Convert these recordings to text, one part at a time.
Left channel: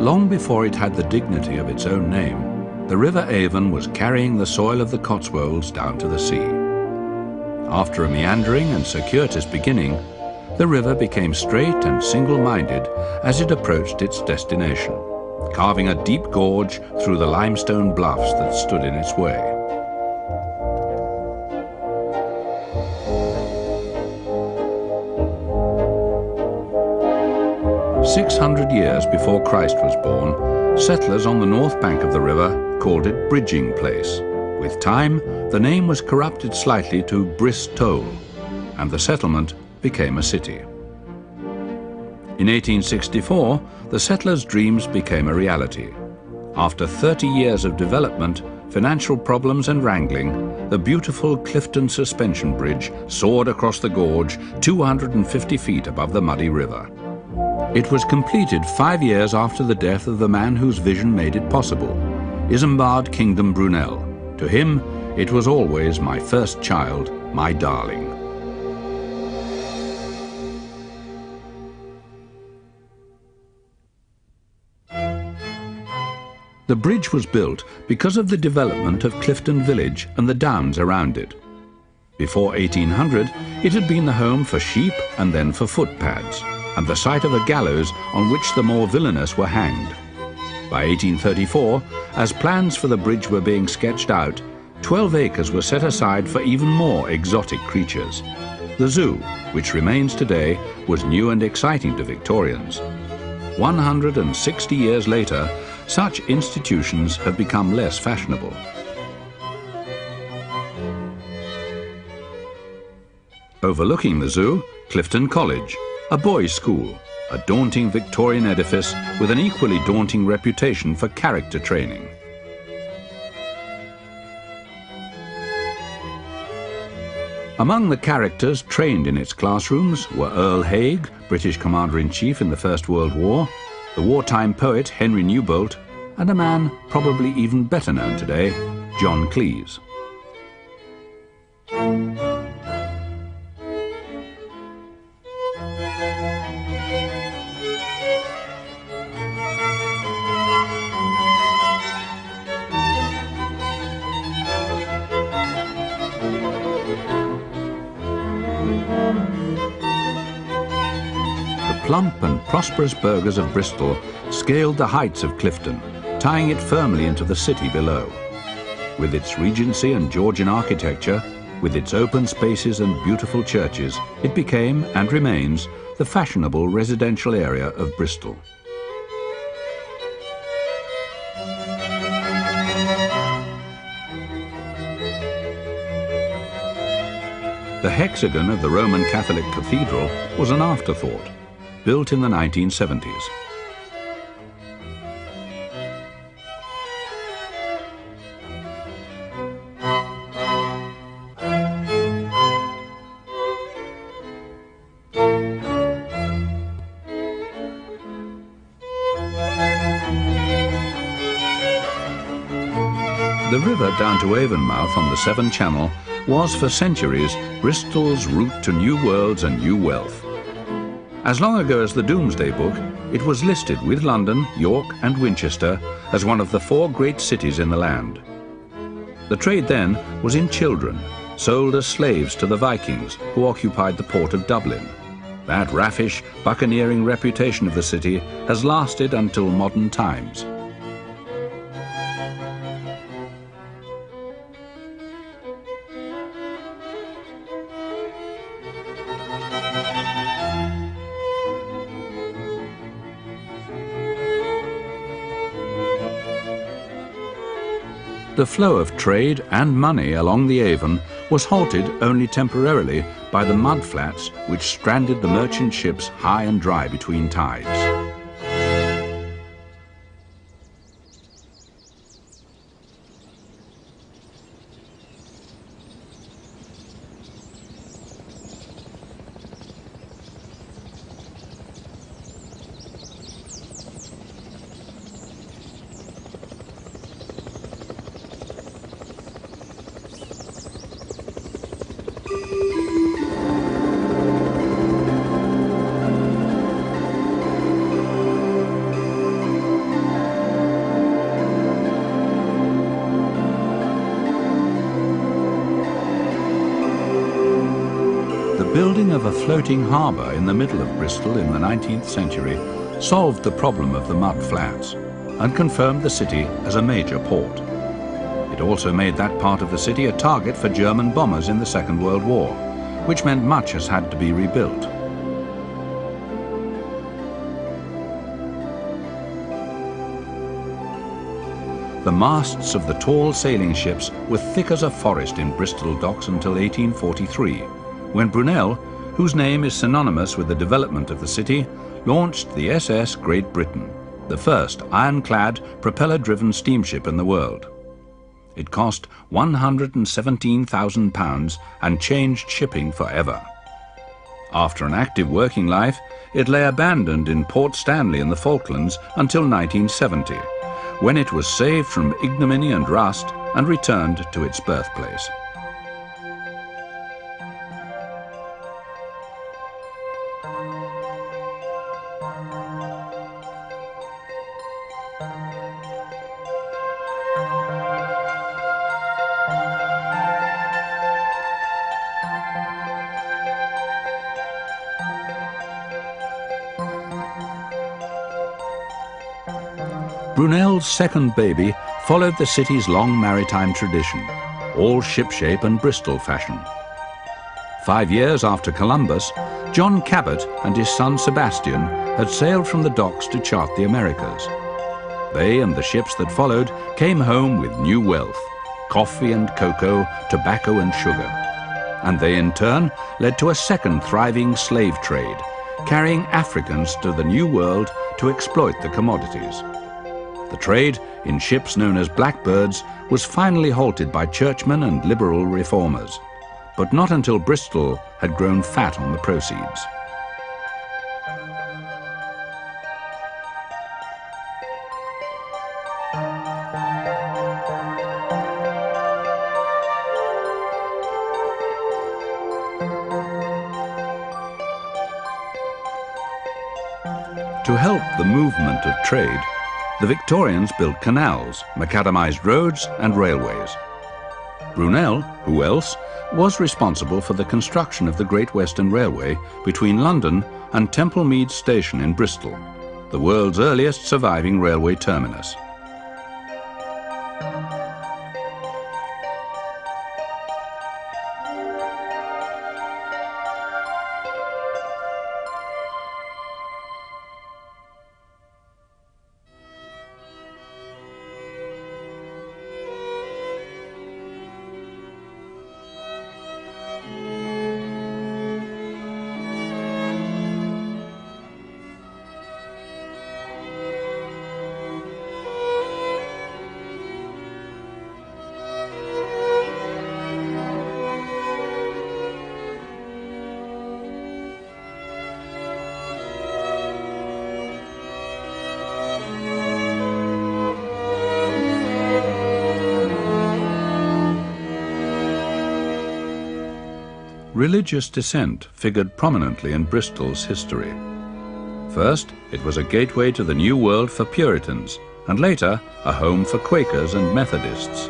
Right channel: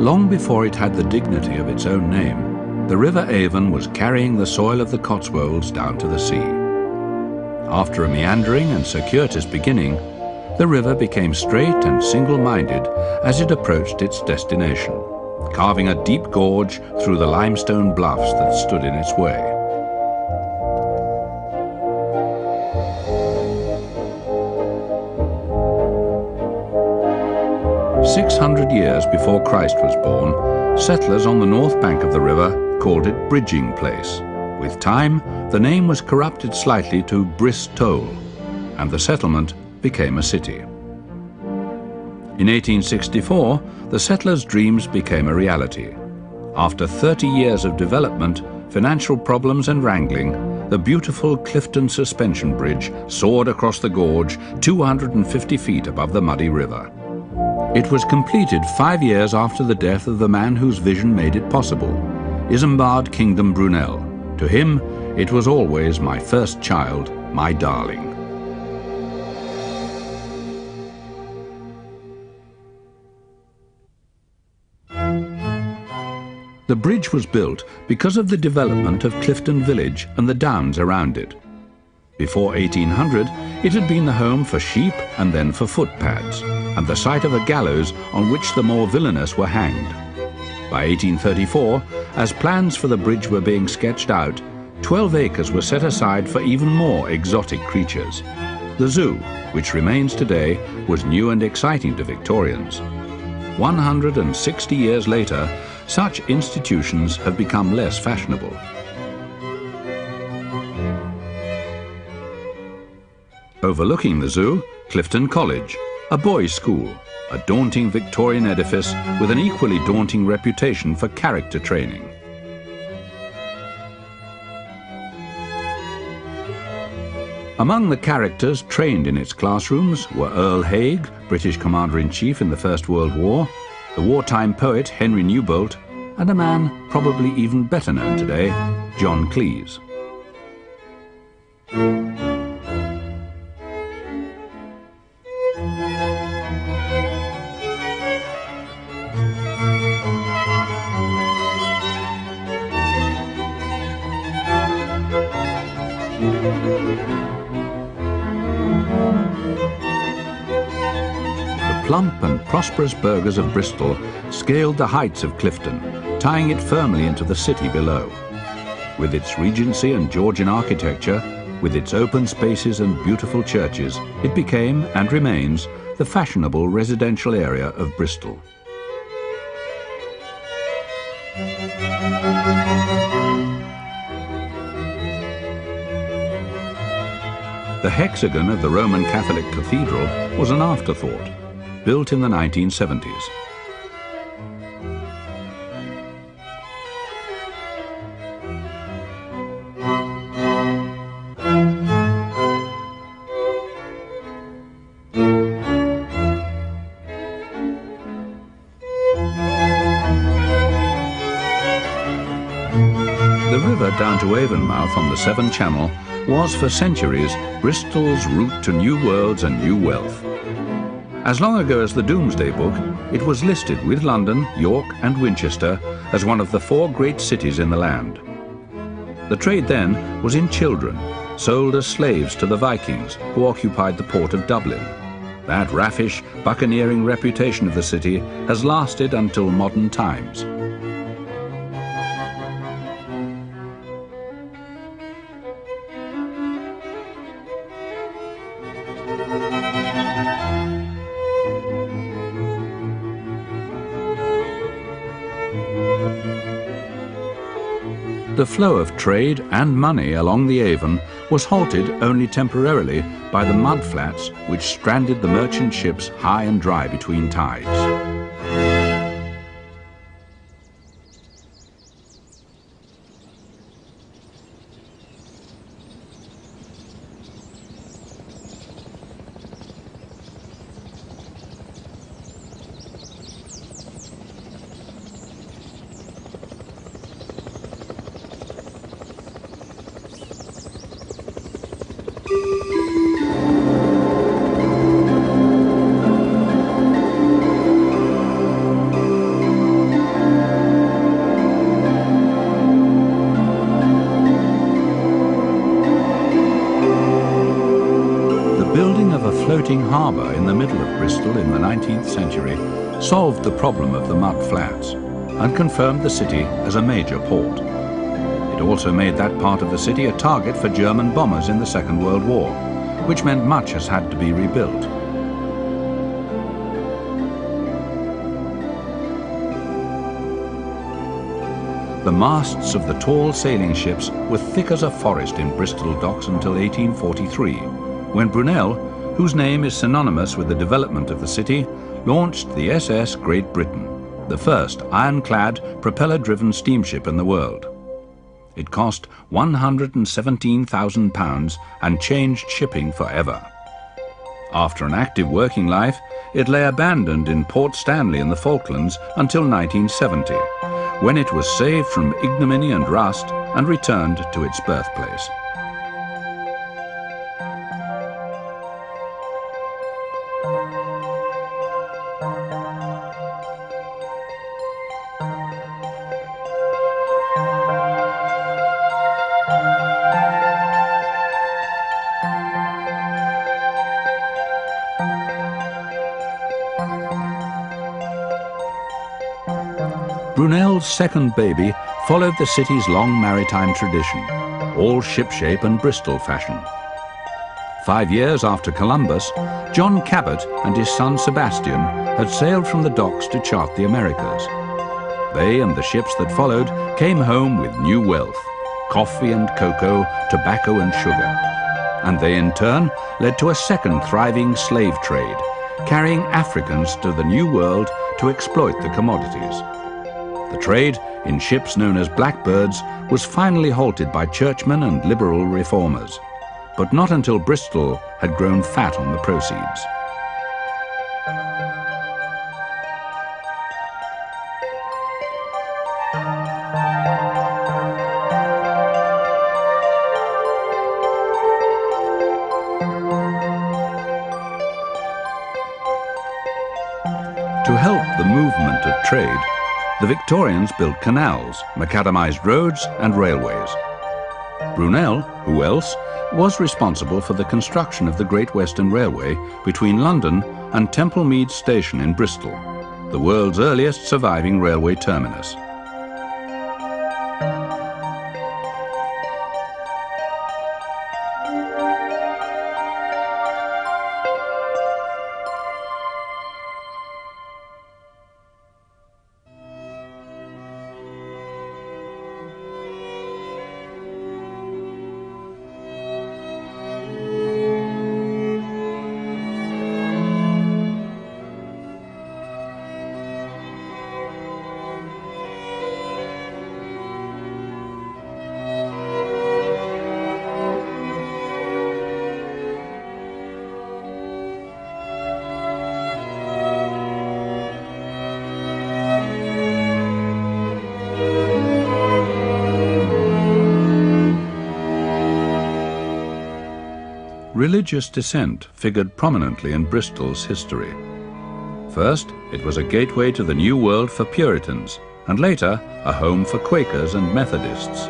Long before it had the dignity of its own name, the River Avon was carrying the soil of the Cotswolds down to the sea. After a meandering and circuitous beginning, the river became straight and single-minded as it approached its destination, carving a deep gorge through the limestone bluffs that stood in its way. "600 years before Christ was born, settlers on the north bank of the river called it Bridging Place. With time, the name was corrupted slightly to Bristol, and the settlement became a city. In 1864, the settlers' dreams became a reality. After 30 years of development, financial problems and wrangling, the beautiful Clifton Suspension Bridge soared across the gorge 250 feet above the muddy river. It was completed 5 years after the death of the man whose vision made it possible, Isambard Kingdom Brunel. To him, it was always my first child, my darling. The bridge was built because of the development of Clifton Village and the downs around it. Before 1800, it had been the home for sheep and then for footpads, and the site of a gallows on which the more villainous were hanged. By 1834, as plans for the bridge were being sketched out, 12 acres were set aside for even more exotic creatures. The zoo, which remains today, was new and exciting to Victorians. 160 years later, such institutions have become less fashionable. Overlooking the zoo, Clifton College, a boys' school, a daunting Victorian edifice with an equally daunting reputation for character training. Among the characters trained in its classrooms were Earl Haig, British Commander-in-Chief in the First World War, the wartime poet Henry Newbolt, and a man probably even better known today, John Cleese. The plump and prosperous burghers of Bristol scaled the heights of Clifton, tying it firmly into the city below. With its Regency and Georgian architecture, with its open spaces and beautiful churches, it became, and remains, the fashionable residential area of Bristol. The hexagon of the Roman Catholic Cathedral was an afterthought, built in the 1970s. The river down to Avonmouth on the Severn Channel was for centuries Bristol's route to new worlds and new wealth. As long ago as the Domesday Book, it was listed with London, York and Winchester as one of the 4 great cities in the land. The trade then was in children, sold as slaves to the Vikings who occupied the port of Dublin. That raffish, buccaneering reputation of the city has lasted until modern times. The flow of trade and money along the Avon was halted only temporarily by the mud flats which stranded the merchant ships high and dry between tides. The building of a floating harbour in the middle of Bristol in the 19th century solved the problem of the mud flats and confirmed the city as a major port. It also made that part of the city a target for German bombers in the Second World War, which meant much has had to be rebuilt. The masts of the tall sailing ships were thick as a forest in Bristol docks until 1843, when Brunel, whose name is synonymous with the development of the city, launched the SS Great Britain, the first ironclad, propeller-driven steamship in the world. It cost £117,000 and changed shipping forever. After an active working life, it lay abandoned in Port Stanley in the Falklands until 1970, when it was saved from ignominy and rust and returned to its birthplace. Brunel's second baby followed the city's long maritime tradition, all shipshape and Bristol fashion. 5 years after Columbus, John Cabot and his son Sebastian had sailed from the docks to chart the Americas. They and the ships that followed came home with new wealth, coffee and cocoa, tobacco and sugar. And they in turn led to a second thriving slave trade, carrying Africans to the New World to exploit the commodities. The trade, in ships known as blackbirds, was finally halted by churchmen and liberal reformers, but not until Bristol had grown fat on the proceeds. movement of trade, the Victorians built canals, macadamised roads and railways. Brunel, who else, was responsible for the construction of the Great Western Railway between London and Temple Meads Station in Bristol, the world's earliest surviving railway terminus. Religious dissent figured prominently in Bristol's history. First, it was a gateway to the New World for Puritans, and later a home for Quakers and Methodists.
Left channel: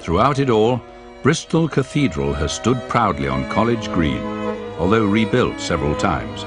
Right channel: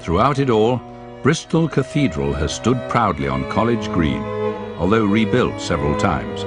Throughout it all, Bristol Cathedral has stood proudly on College Green, although rebuilt several times.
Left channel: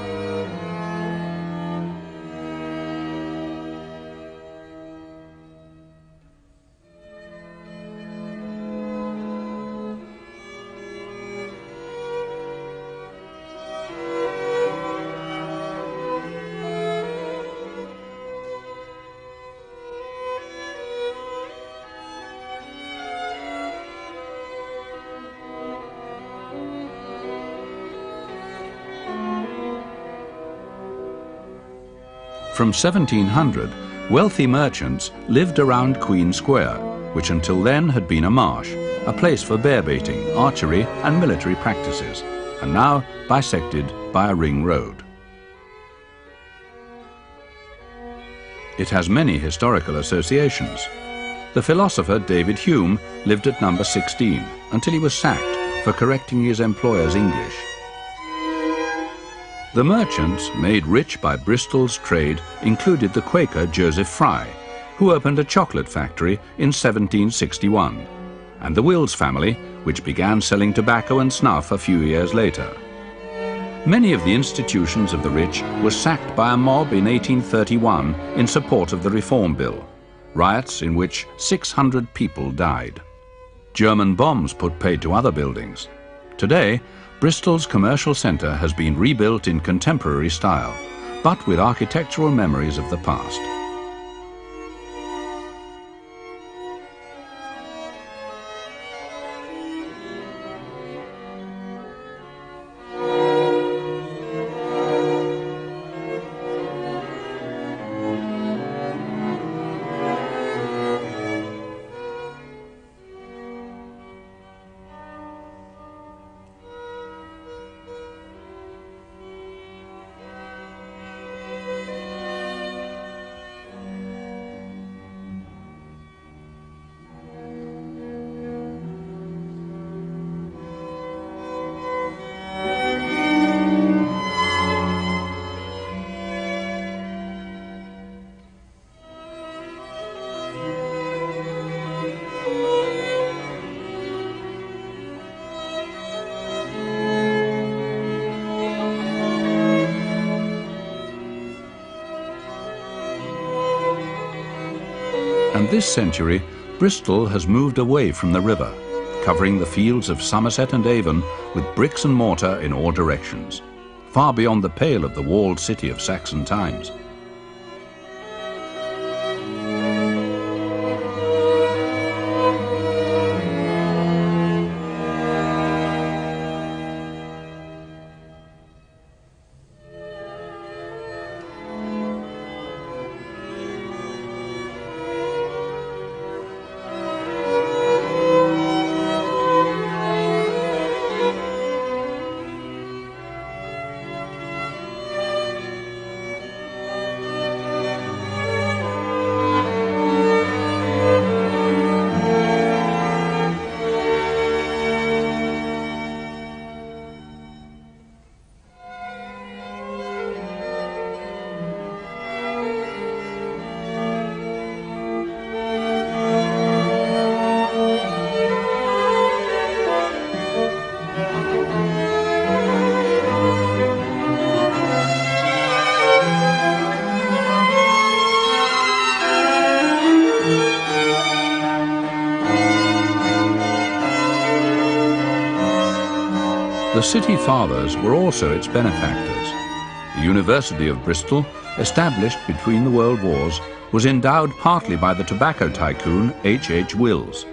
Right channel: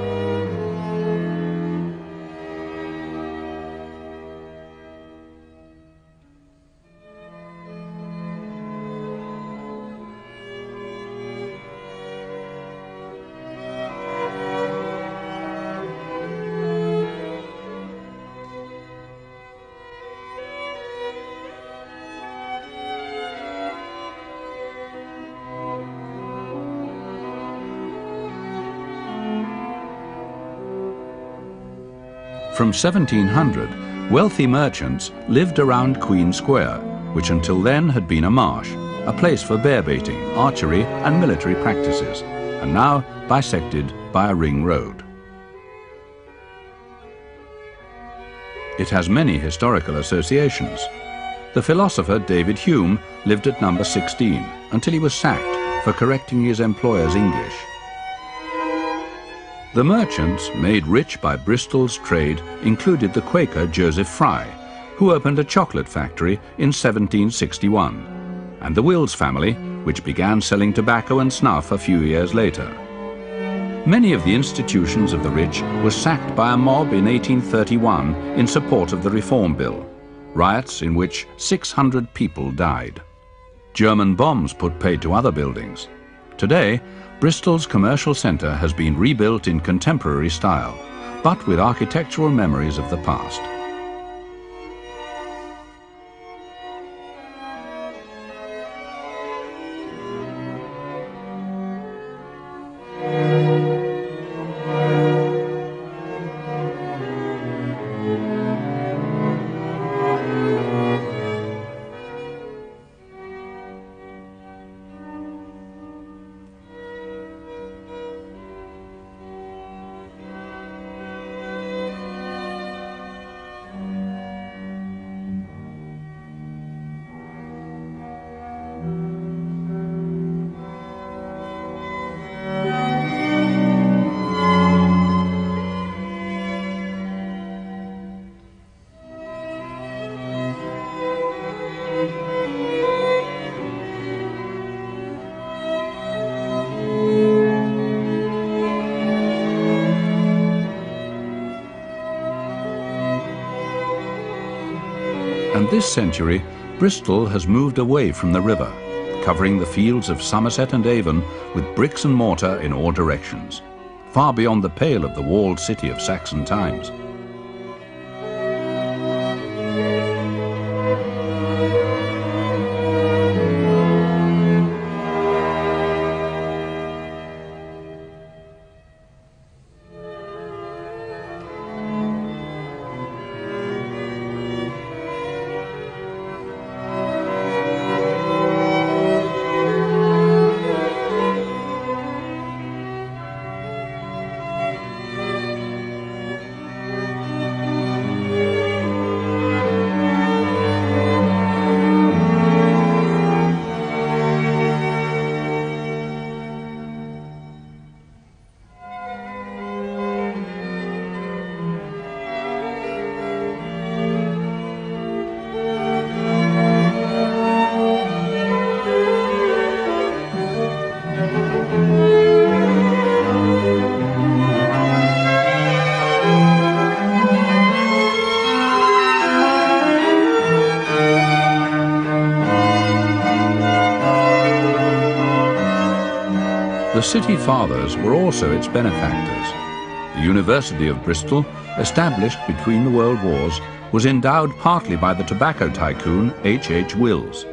From 1700, wealthy merchants lived around Queen Square, which until then had been a marsh, a place for bear baiting, archery and military practices, and now bisected by a ring road. It has many historical associations. The philosopher David Hume lived at number 16 until he was sacked for correcting his employer's English. The merchants made rich by Bristol's trade included the Quaker Joseph Fry, who opened a chocolate factory in 1761, and the Wills family, which began selling tobacco and snuff a few years later. Many of the institutions of the rich were sacked by a mob in 1831 in support of the Reform Bill, riots in which 600 people died. German bombs put paid to other buildings. Today, Bristol's commercial centre has been rebuilt in contemporary style, but with architectural memories of the past. And this century, Bristol has moved away from the river, covering the fields of Somerset and Avon with bricks and mortar in all directions, far beyond the pale of the walled city of Saxon times. The City Fathers were also its benefactors. The University of Bristol, established between the World Wars, was endowed partly by the tobacco tycoon H. Wills.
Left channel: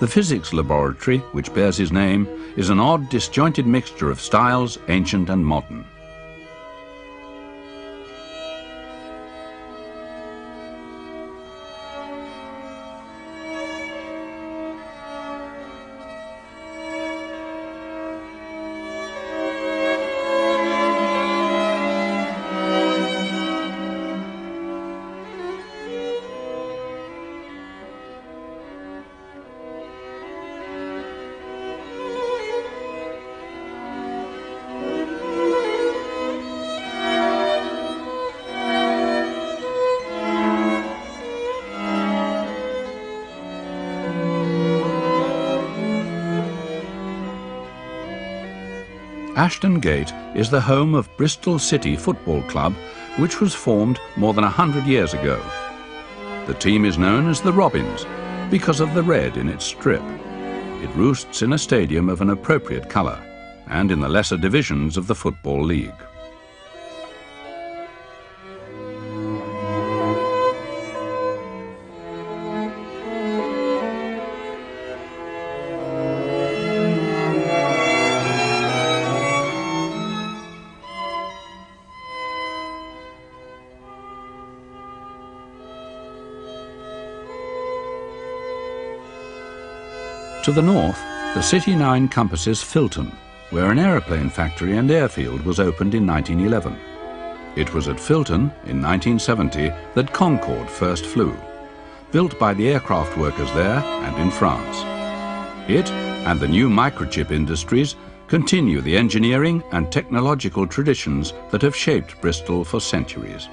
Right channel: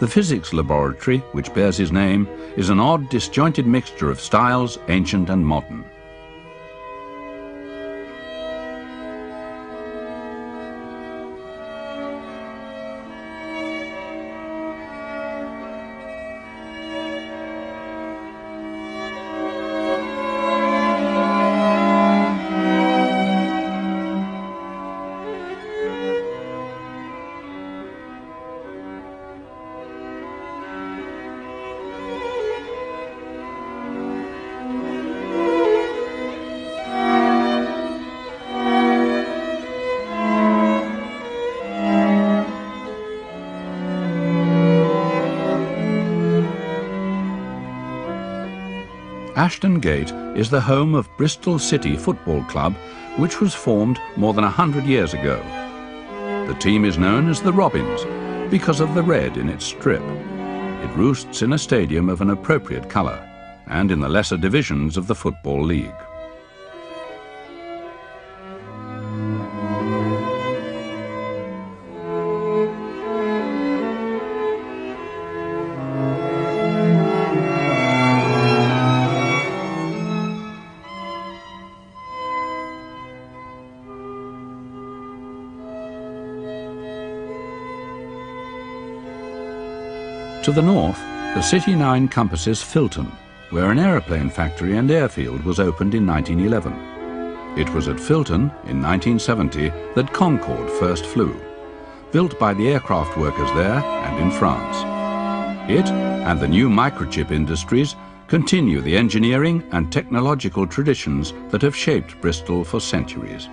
The physics laboratory, which bears his name, is an odd, disjointed mixture of styles, ancient and modern. Ashton Gate is the home of Bristol City Football Club, which was formed more than 100 years ago. The team is known as the Robins because of the red in its strip. It roosts in a stadium of an appropriate colour and in the lesser divisions of the Football League. To the north, the city now encompasses Filton, where an aeroplane factory and airfield was opened in 1911. It was at Filton, in 1970, that Concorde first flew, built by the aircraft workers there and in France. It and the new microchip industries continue the engineering and technological traditions that have shaped Bristol for centuries.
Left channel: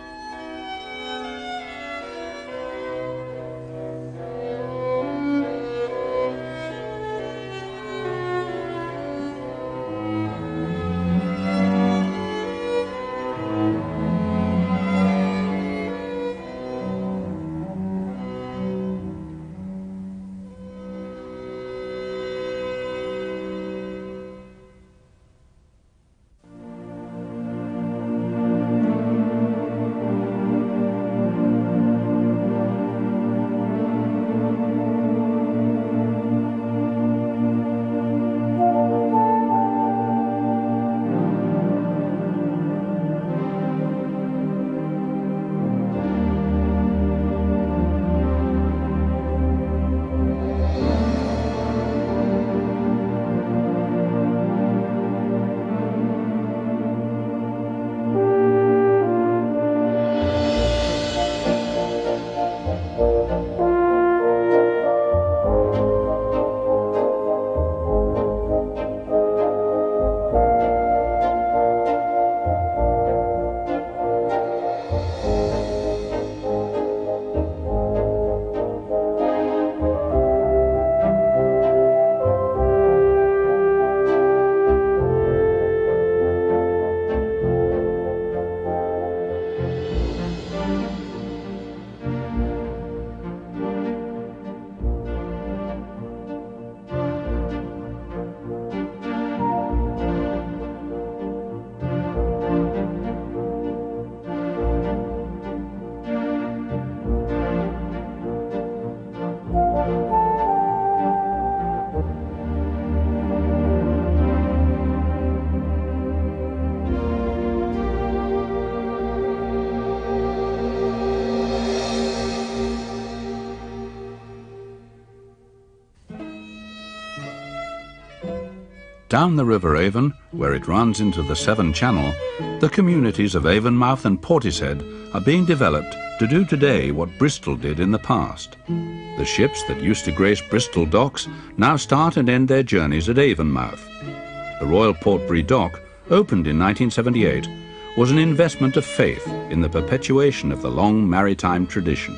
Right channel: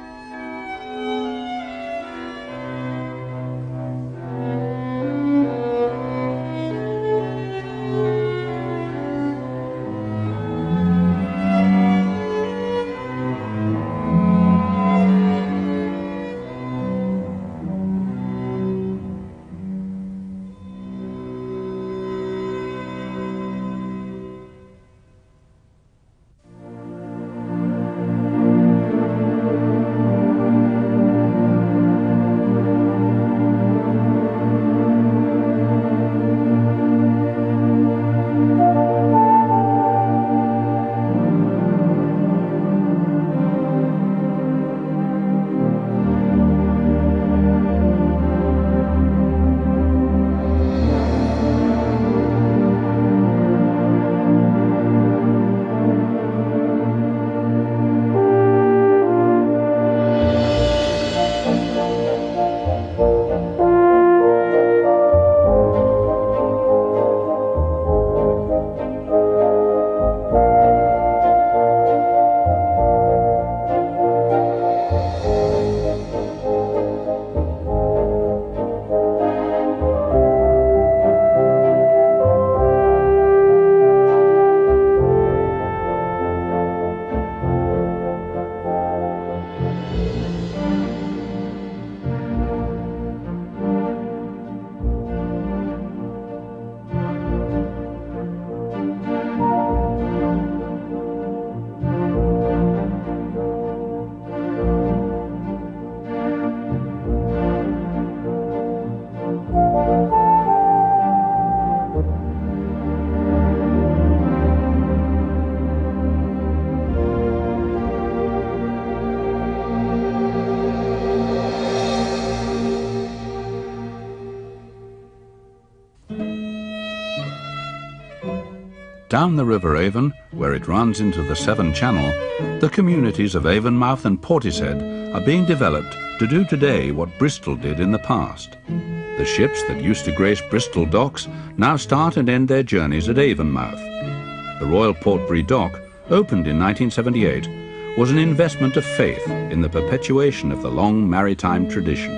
Down the River Avon, where it runs into the Severn Channel, the communities of Avonmouth and Portishead are being developed to do today what Bristol did in the past. The ships that used to grace Bristol docks now start and end their journeys at Avonmouth. The Royal Portbury Dock, opened in 1978, was an investment of faith in the perpetuation of the long maritime tradition.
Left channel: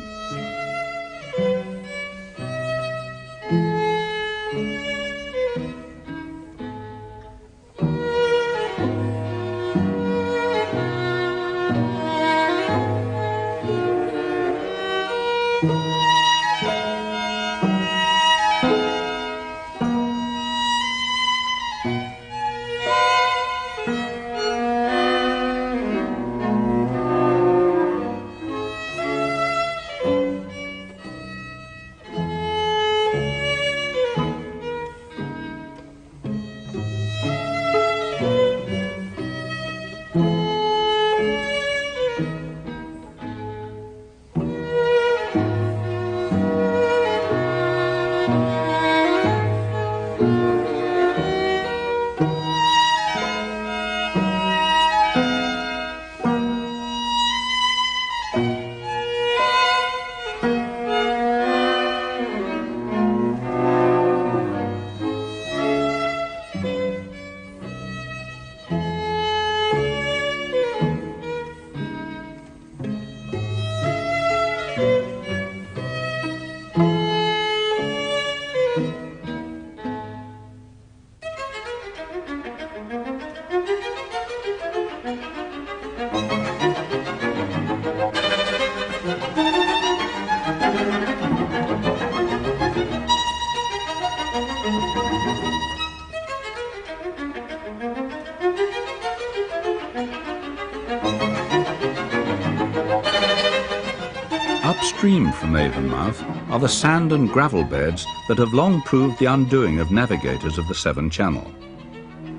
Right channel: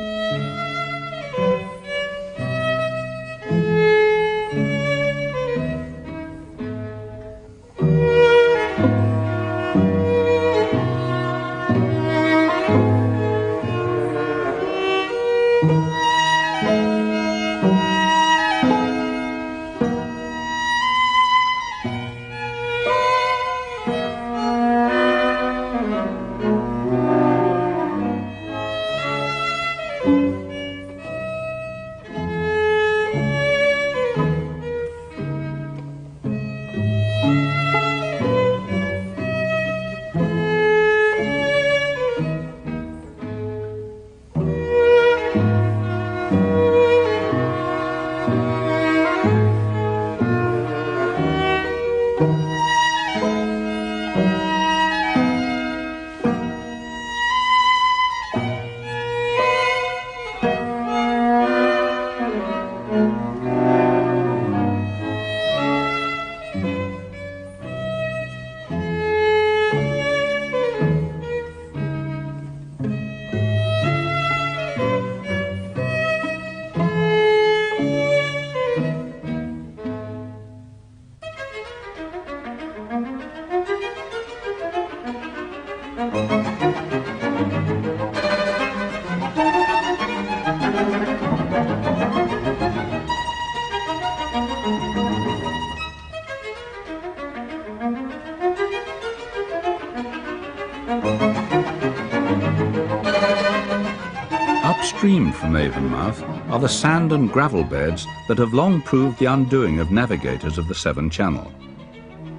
Upstream from Avonmouth are the sand and gravel beds that have long proved the undoing of navigators of the Severn Channel.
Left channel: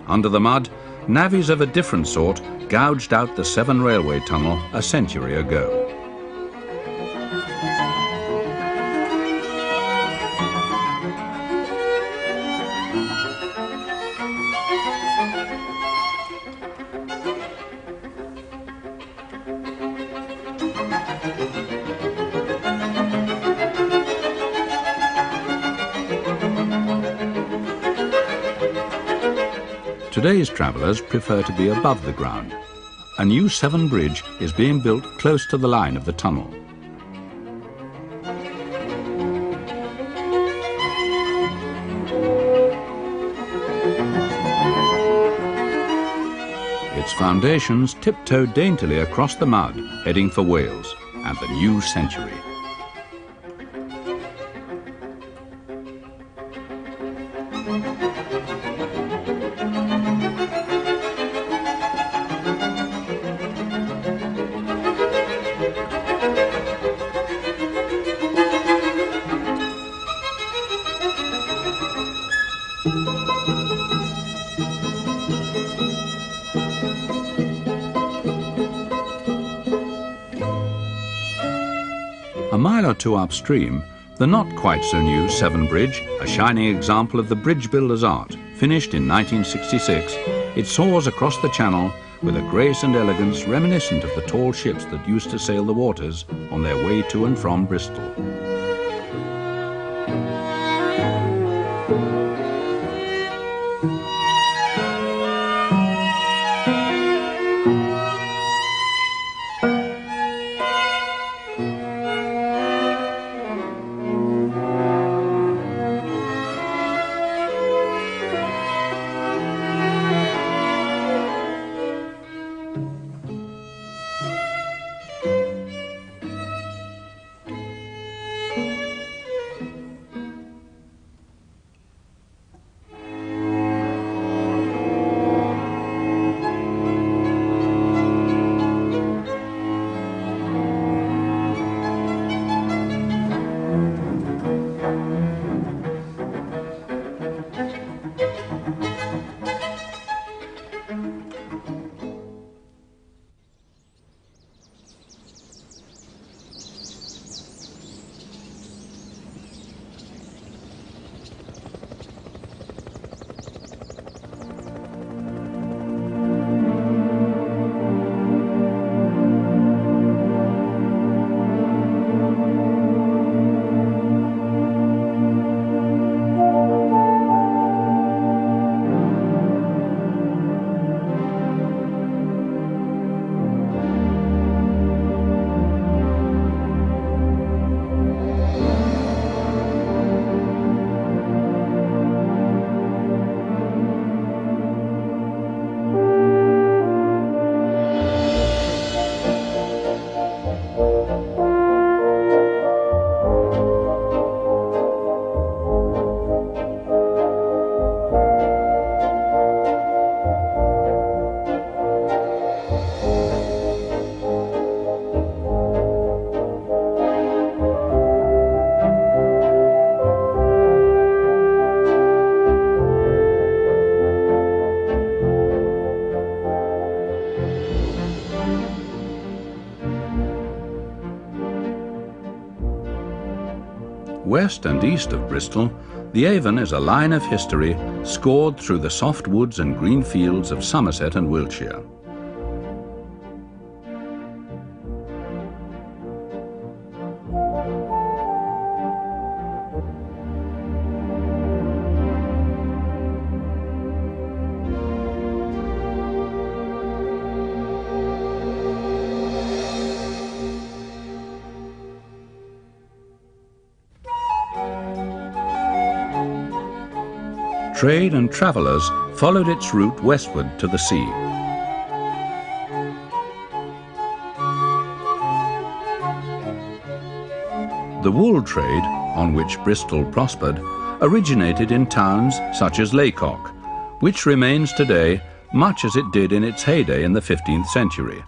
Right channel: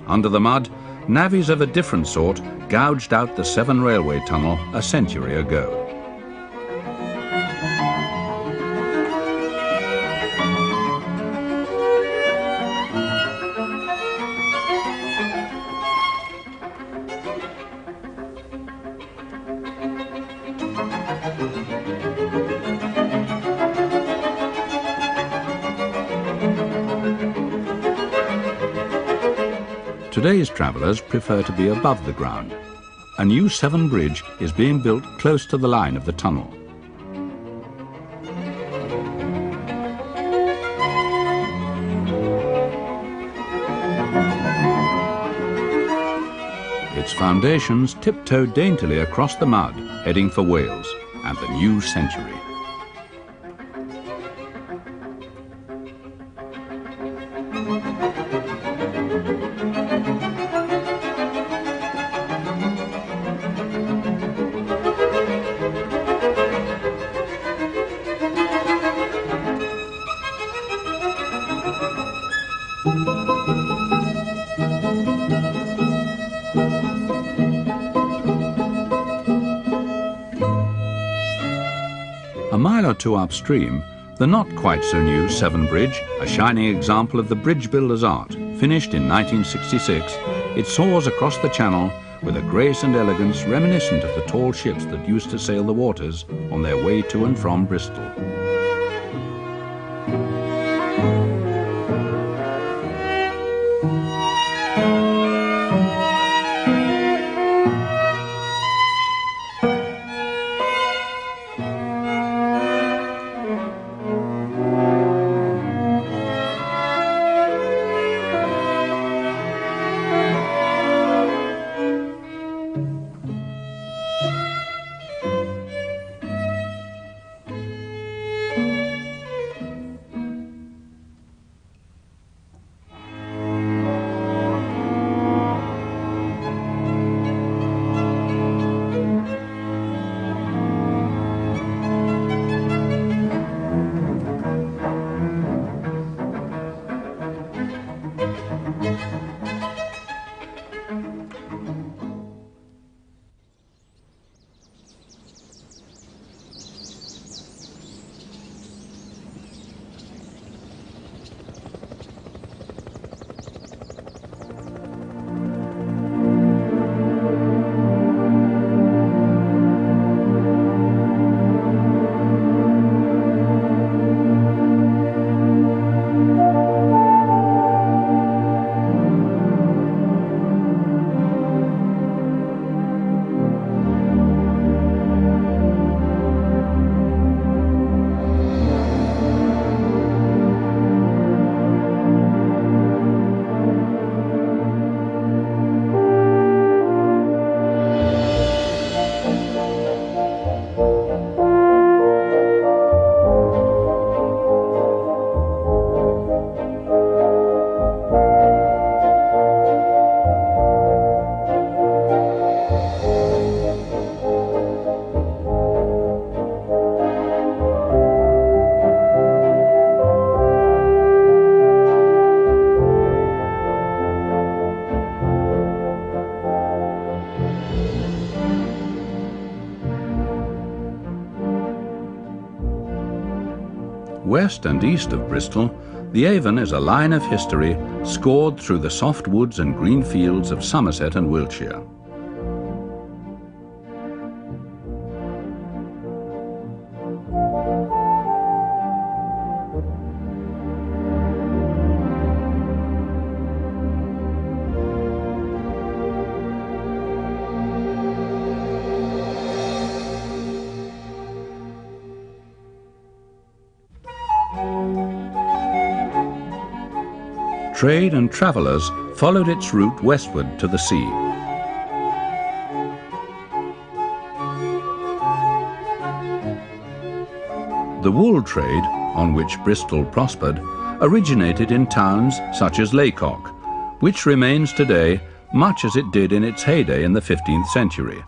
Under the mud, navvies of a different sort gouged out the Severn Railway Tunnel a century ago. Today's travellers prefer to be above the ground. A new Severn Bridge is being built close to the line of the tunnel. Its foundations tiptoe daintily across the mud, heading for Wales and the new century. A mile or two upstream, the not-quite-so-new Severn Bridge, a shining example of the bridge builder's art, finished in 1966, it soars across the channel with a grace and elegance reminiscent of the tall ships that used to sail the waters on their way to and from Bristol. West and east of Bristol, the Avon is a line of history scored through the soft woods and green fields of Somerset and Wiltshire. Trade and travellers followed its route westward to the sea. The wool trade, on which Bristol prospered, originated in towns such as Laycock, which remains today much as it did in its heyday in the 15th century.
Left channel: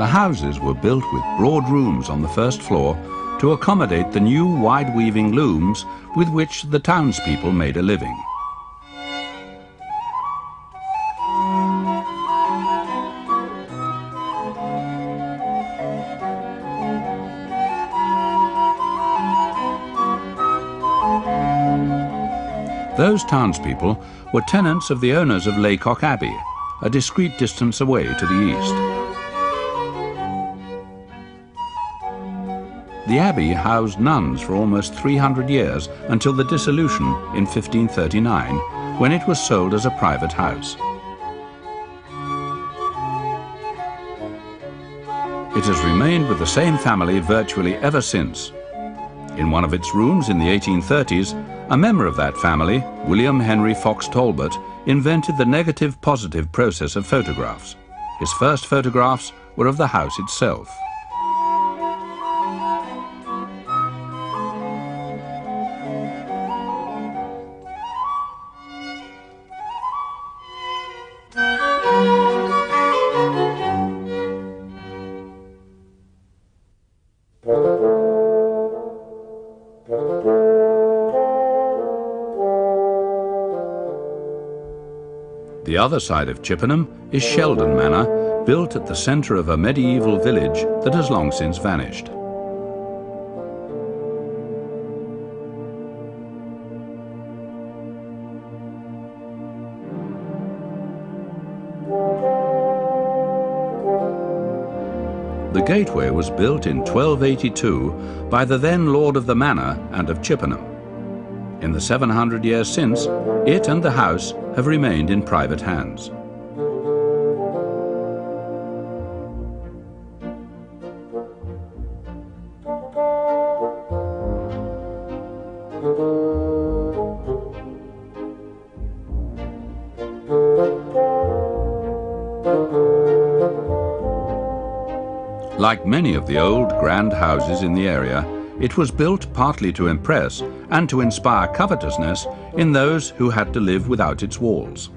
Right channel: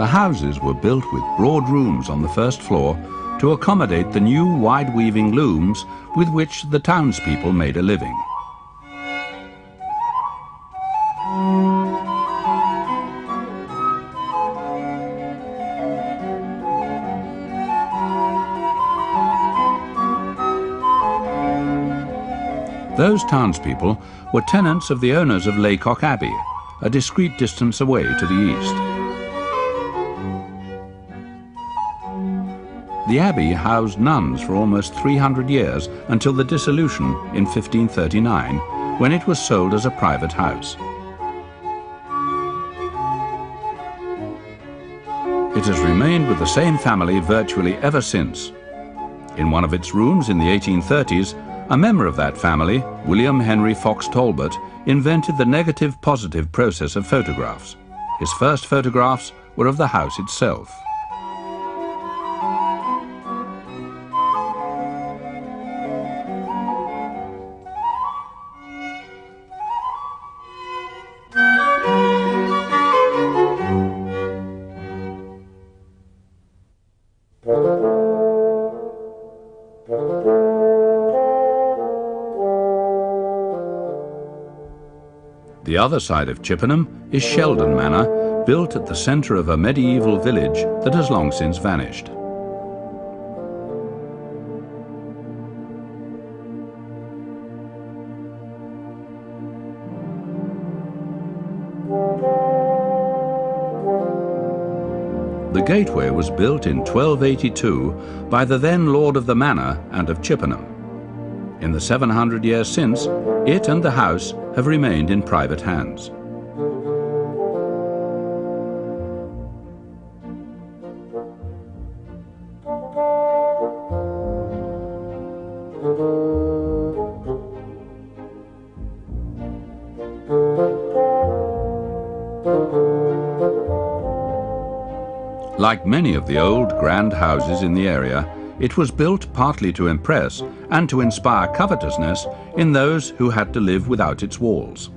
The houses were built with broad rooms on the first floor to accommodate the new wide-weaving looms with which the townspeople made a living. Those townspeople were tenants of the owners of Laycock Abbey, a discreet distance away to the east. The abbey housed nuns for almost 300 years until the dissolution in 1539, when it was sold as a private house. It has remained with the same family virtually ever since. In one of its rooms in the 1830s, a member of that family, William Henry Fox Talbot, invented the negative-positive process of photographs. His first photographs were of the house itself. The other side of Chippenham is Sheldon Manor, built at the centre of a medieval village that has long since vanished. The gateway was built in 1282 by the then Lord of the Manor and of Chippenham. In the 700 years since, it and the house have remained in private hands. Like many of the old grand houses in the area, it was built partly to impress and to inspire covetousness in those who had to live without its walls.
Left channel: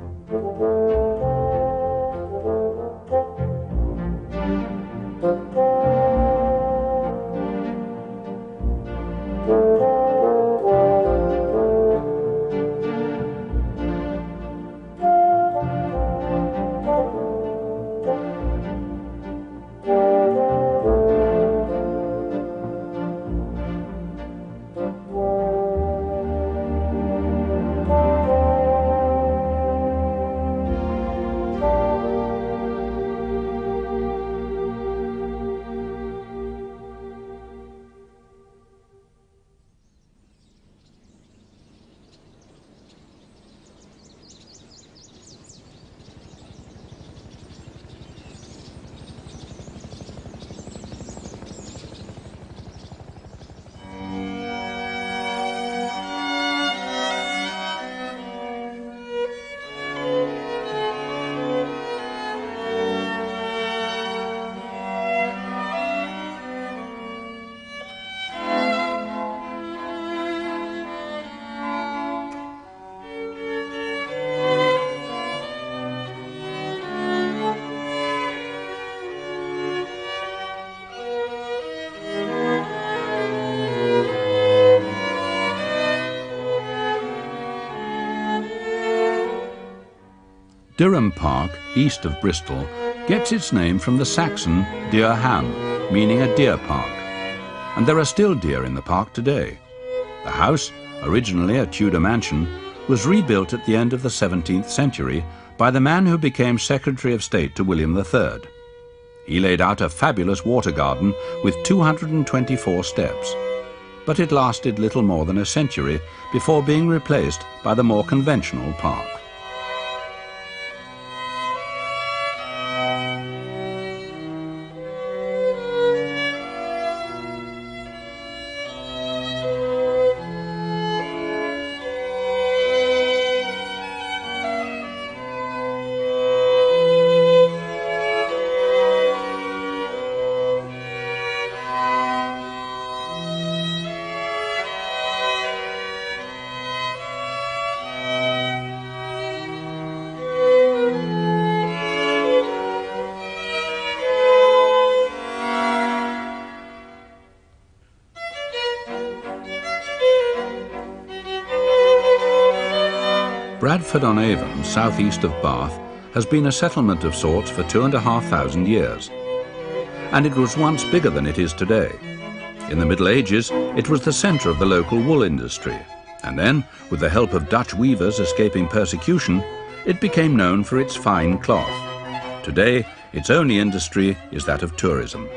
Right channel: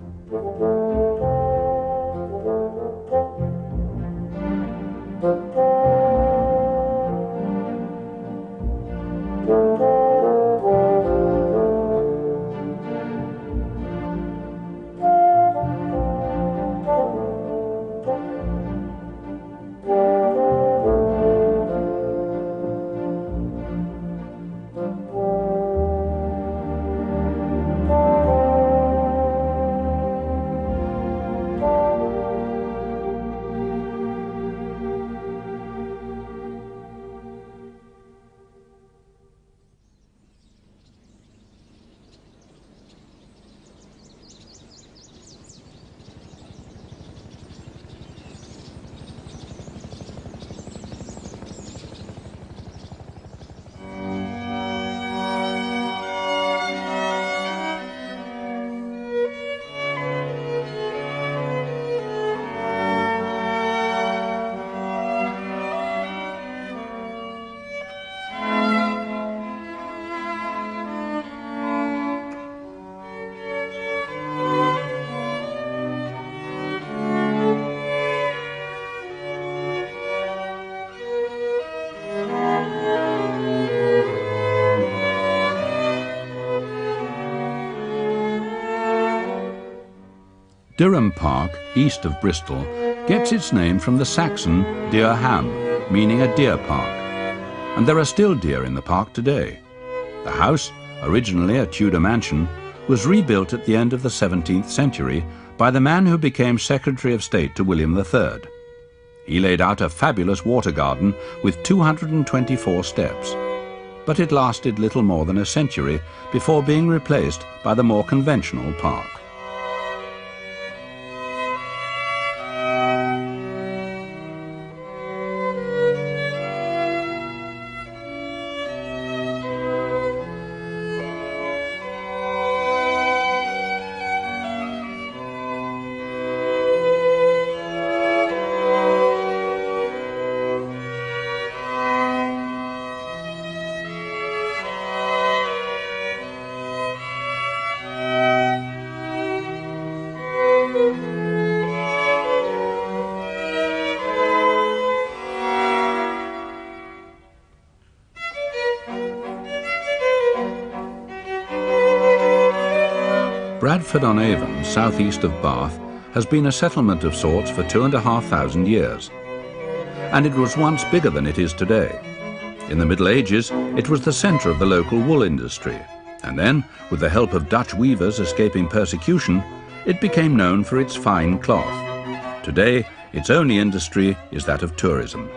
Durham Park, east of Bristol, gets its name from the Saxon Deer Ham, meaning a deer park. And there are still deer in the park today. The house, originally a Tudor mansion, was rebuilt at the end of the 17th century by the man who became Secretary of State to William III. He laid out a fabulous water garden with 224 steps. But it lasted little more than a century before being replaced by the more conventional park. Bradford-on-Avon, southeast of Bath, has been a settlement of sorts for 2,500 years. And it was once bigger than it is today. In the Middle Ages, it was the centre of the local wool industry. And then, with the help of Dutch weavers escaping persecution, it became known for its fine cloth. Today, its only industry is that of tourism.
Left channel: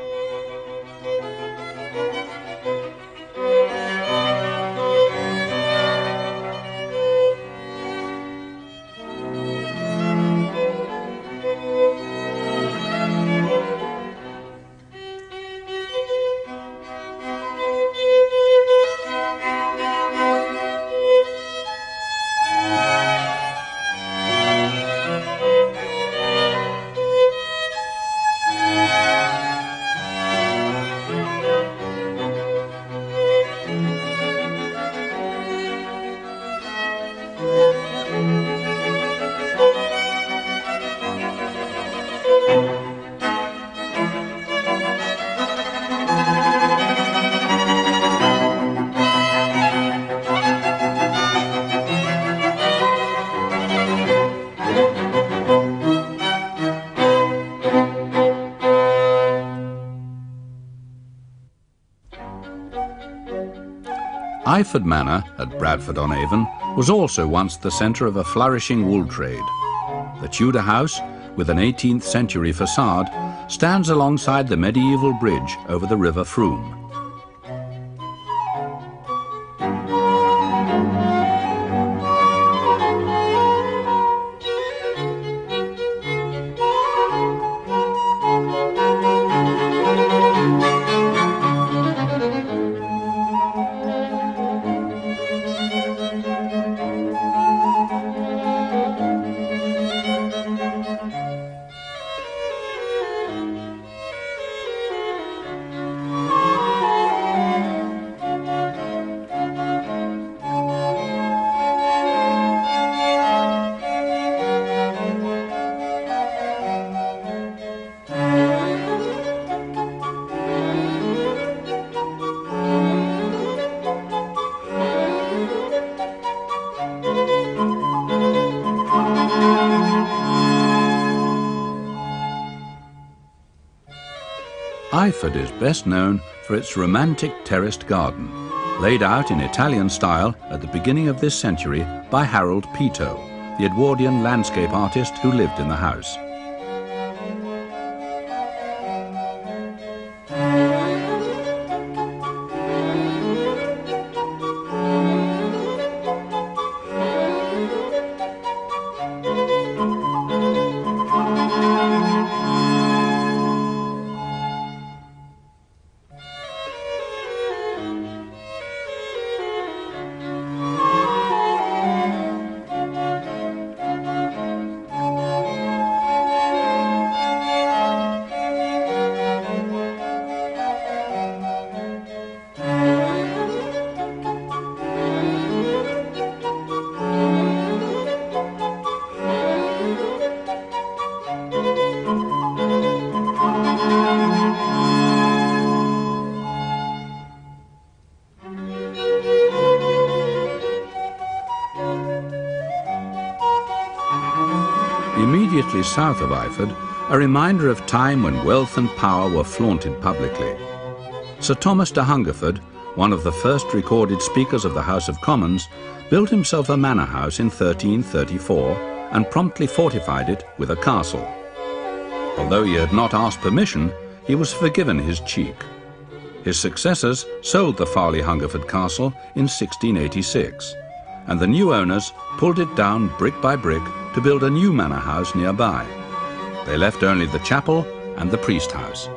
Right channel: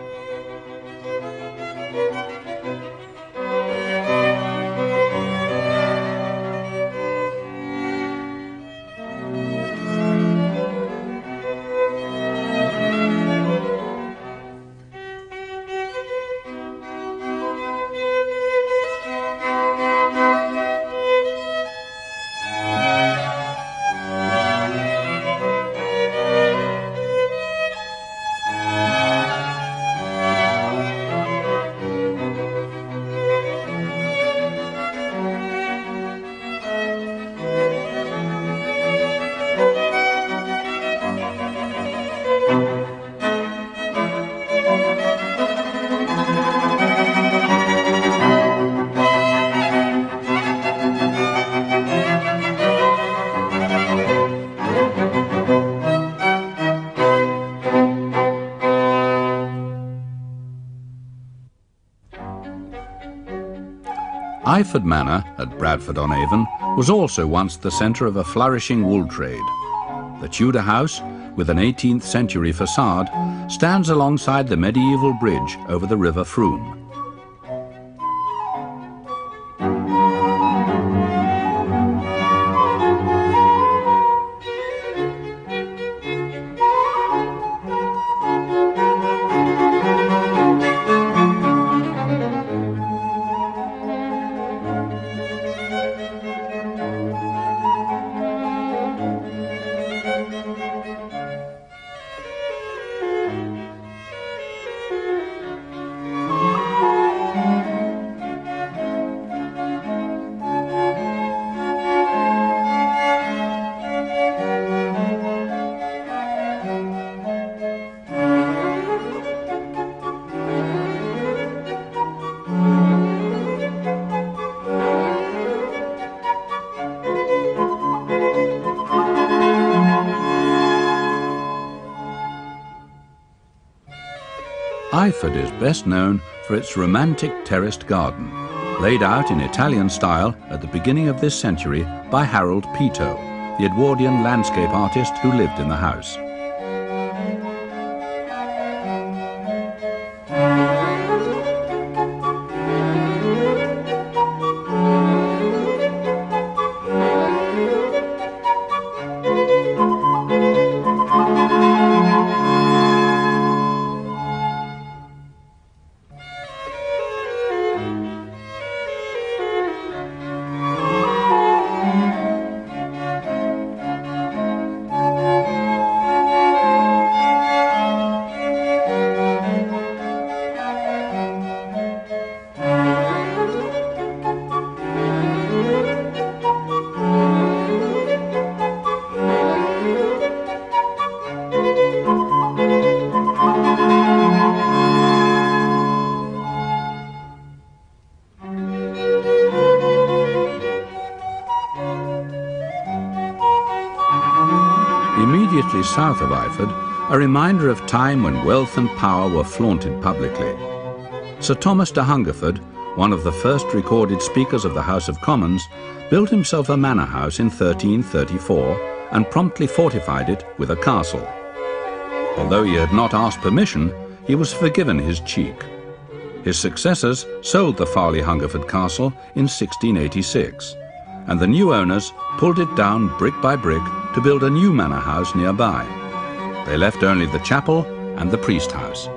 Iford Manor at Bradford-on-Avon was also once the centre of a flourishing wool trade. The Tudor house, with an 18th century facade, stands alongside the medieval bridge over the River Frome. Iford is best known for its romantic terraced garden, laid out in Italian style at the beginning of this century by Harold Peto, the Edwardian landscape artist who lived in the house. Immediately south of Iford, a reminder of time when wealth and power were flaunted publicly. Sir Thomas de Hungerford, one of the first recorded speakers of the House of Commons, built himself a manor house in 1334 and promptly fortified it with a castle. Although he had not asked permission, he was forgiven his cheek. His successors sold the Farley Hungerford Castle in 1686, and the new owners pulled it down brick by brick to build a new manor house nearby. They left only the chapel and the priest house.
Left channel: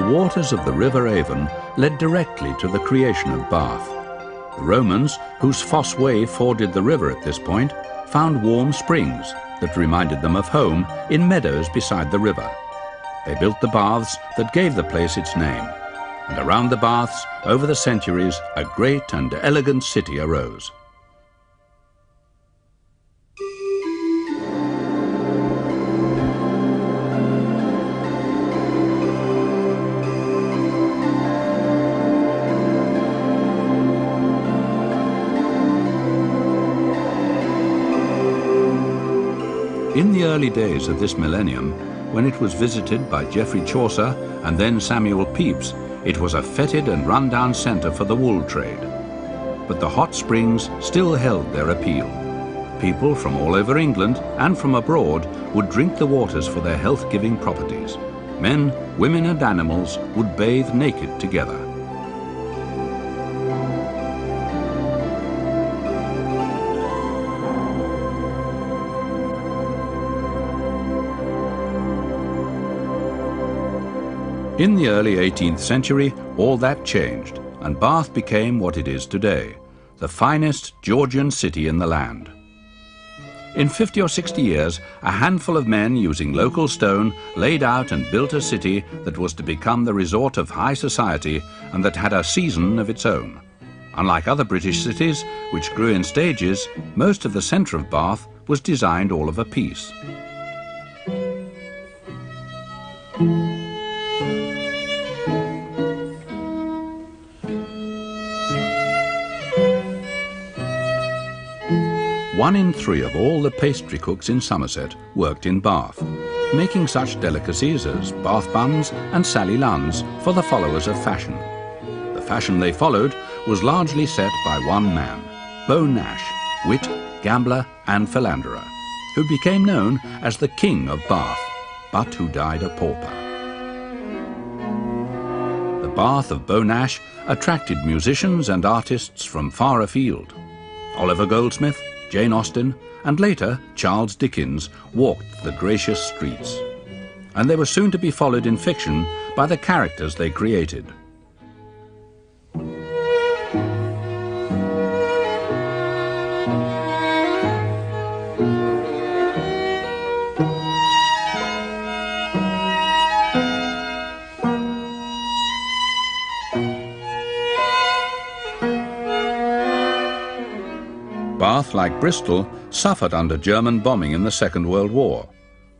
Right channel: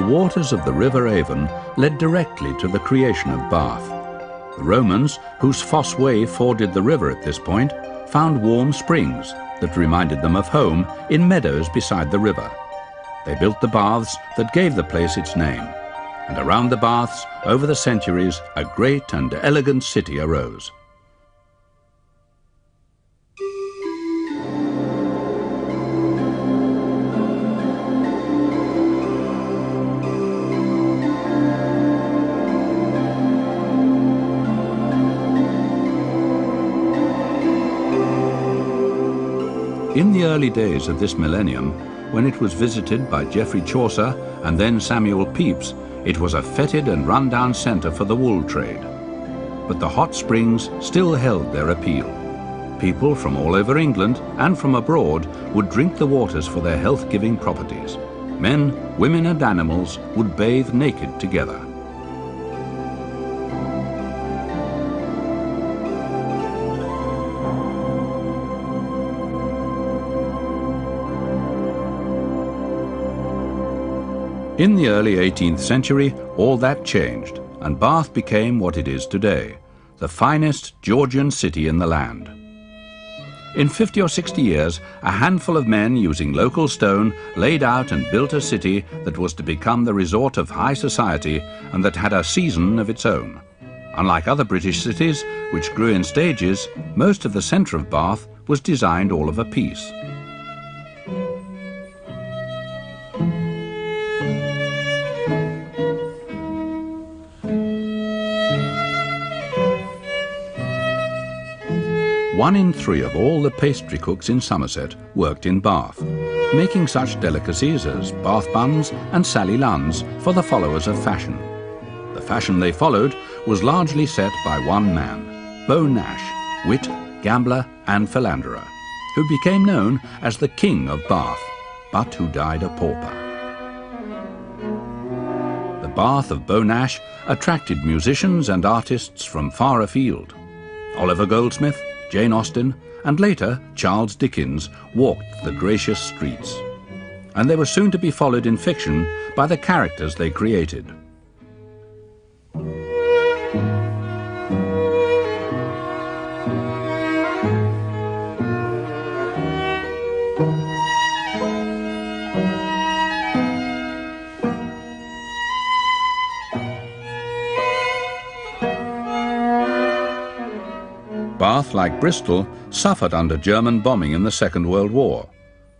the waters of the River Avon led directly to the creation of Bath. The Romans, whose Fosse Way forded the river at this point, found warm springs that reminded them of home in meadows beside the river. They built the baths that gave the place its name, and around the baths, over the centuries, a great and elegant city arose. In the early days of this millennium, when it was visited by Geoffrey Chaucer and then Samuel Pepys, it was a fetid and run-down centre for the wool trade. But the hot springs still held their appeal. People from all over England and from abroad would drink the waters for their health-giving properties. Men, women and animals would bathe naked together. In the early 18th century, all that changed, and Bath became what it is today, the finest Georgian city in the land. In 50 or 60 years, a handful of men using local stone laid out and built a city that was to become the resort of high society and that had a season of its own. Unlike other British cities, which grew in stages, most of the centre of Bath was designed all of a piece. One in three of all the pastry cooks in Somerset worked in Bath, making such delicacies as Bath buns and Sally Lunns for the followers of fashion. The fashion they followed was largely set by one man, Beau Nash, wit, gambler and philanderer, who became known as the King of Bath, but who died a pauper. The Bath of Beau Nash attracted musicians and artists from far afield. Oliver Goldsmith, Jane Austen, and later Charles Dickens walked the gracious streets. And they were soon to be followed in fiction by the characters they created. Bath, like Bristol, suffered under German bombing in the Second World War,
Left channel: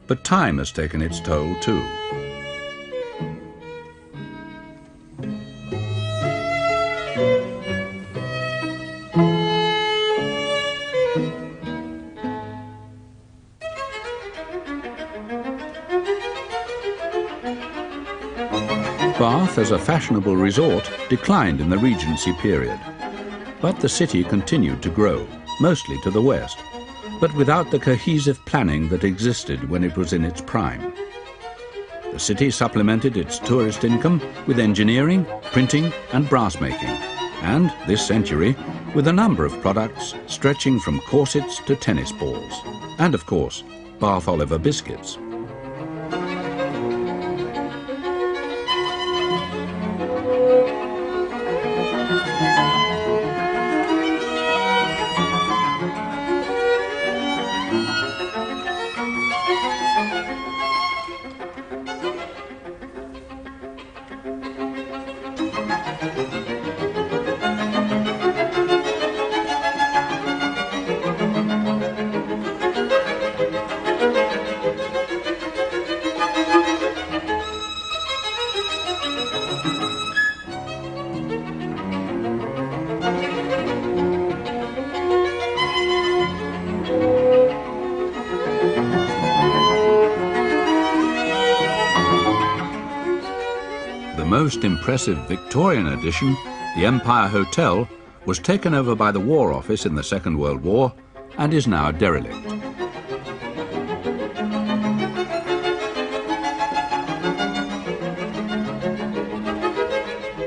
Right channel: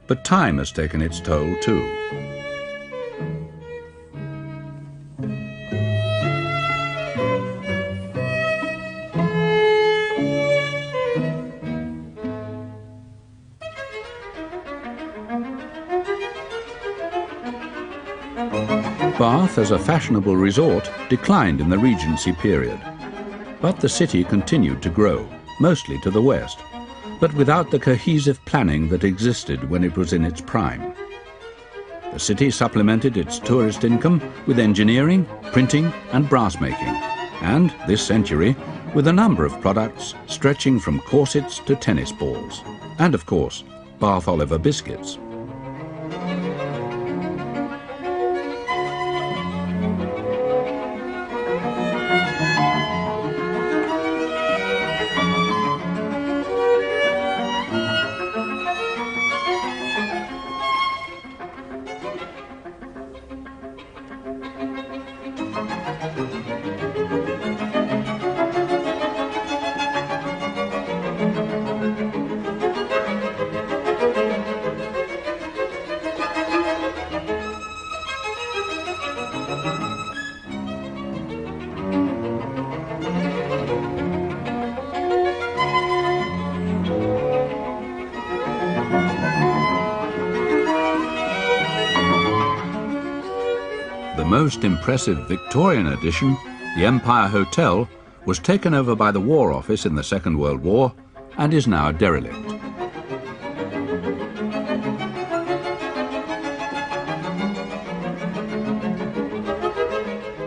but time has taken its toll too. Bath as a fashionable resort declined in the Regency period, but the city continued to grow, mostly to the west, but without the cohesive planning that existed when it was in its prime. The city supplemented its tourist income with engineering, printing and brass making, and, this century, with a number of products stretching from corsets to tennis balls, and of course, Bath Oliver biscuits. The most impressive Victorian addition, the Empire Hotel, was taken over by the War Office in the Second World War and is now derelict.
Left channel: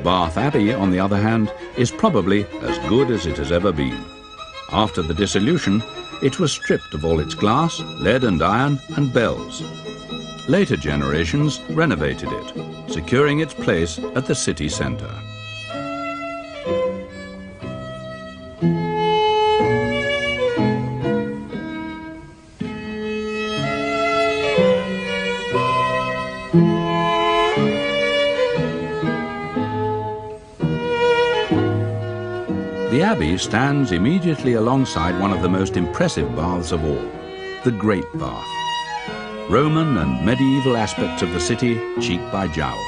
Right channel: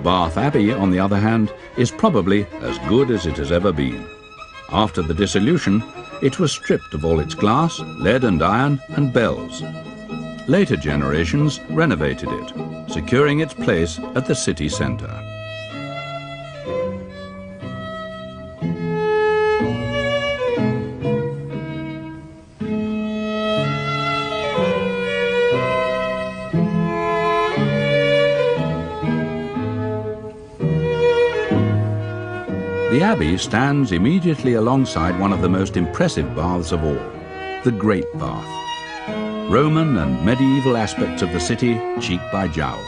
Bath Abbey, on the other hand, is probably as good as it has ever been. After the dissolution, it was stripped of all its glass, lead and iron and bells. Later generations renovated it, securing its place at the city centre. The Abbey stands immediately alongside one of the most impressive baths of all, the Great Bath. Roman and medieval aspects of the city cheek by jowl.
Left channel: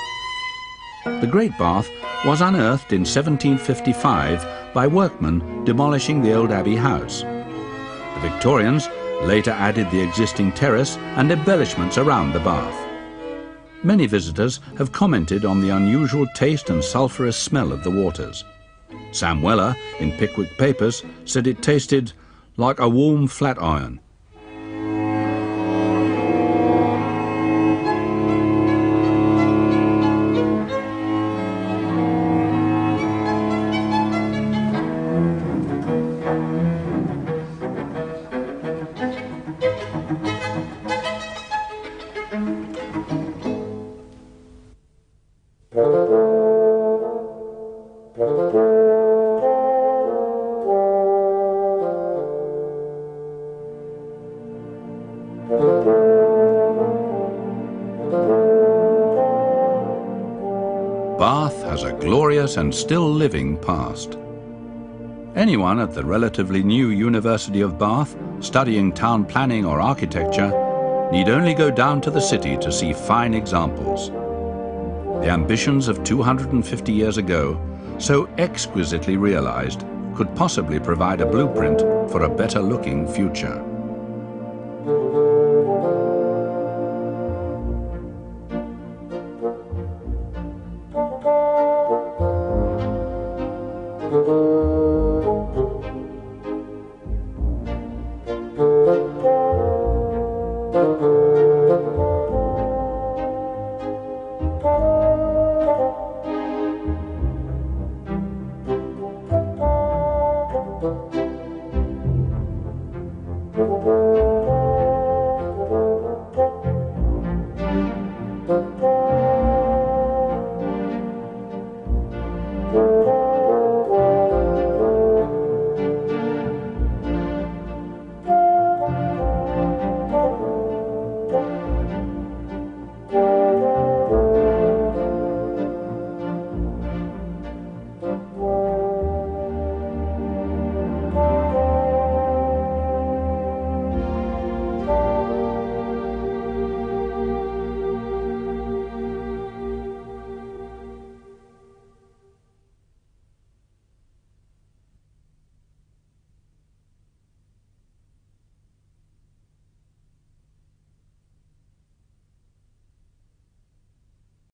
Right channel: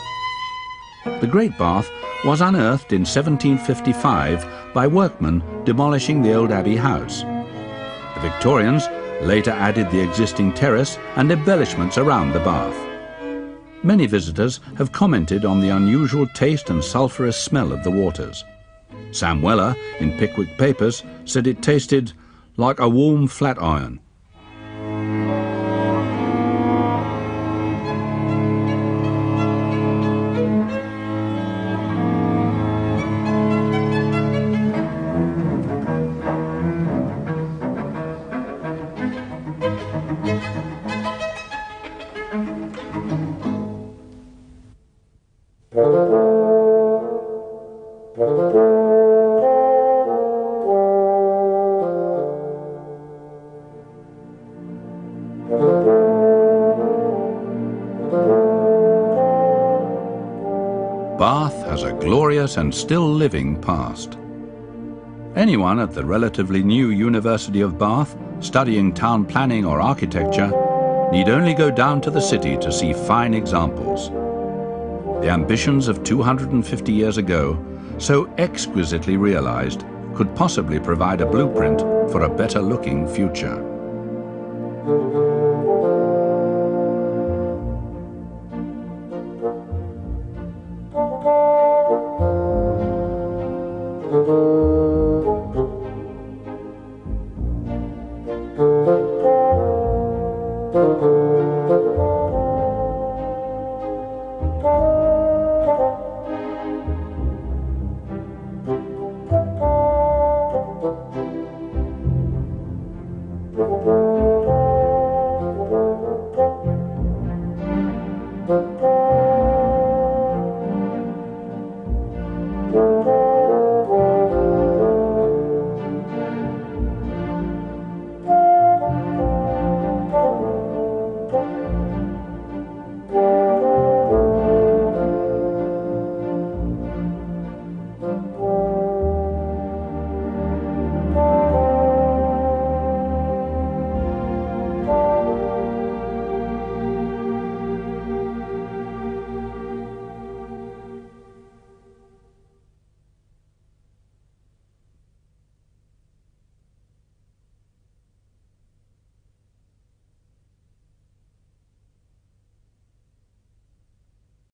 The Great Bath was unearthed in 1755 by workmen demolishing the old Abbey house. The Victorians later added the existing terrace and embellishments around the bath. Many visitors have commented on the unusual taste and sulphurous smell of the waters. Sam Weller, in Pickwick Papers, said it tasted like a warm flat iron. Bath has a glorious and still living past. Anyone at the relatively new University of Bath studying town planning or architecture need only go down to the city to see fine examples. The ambitions of 250 years ago, so exquisitely realized, could possibly provide a blueprint for a better looking future.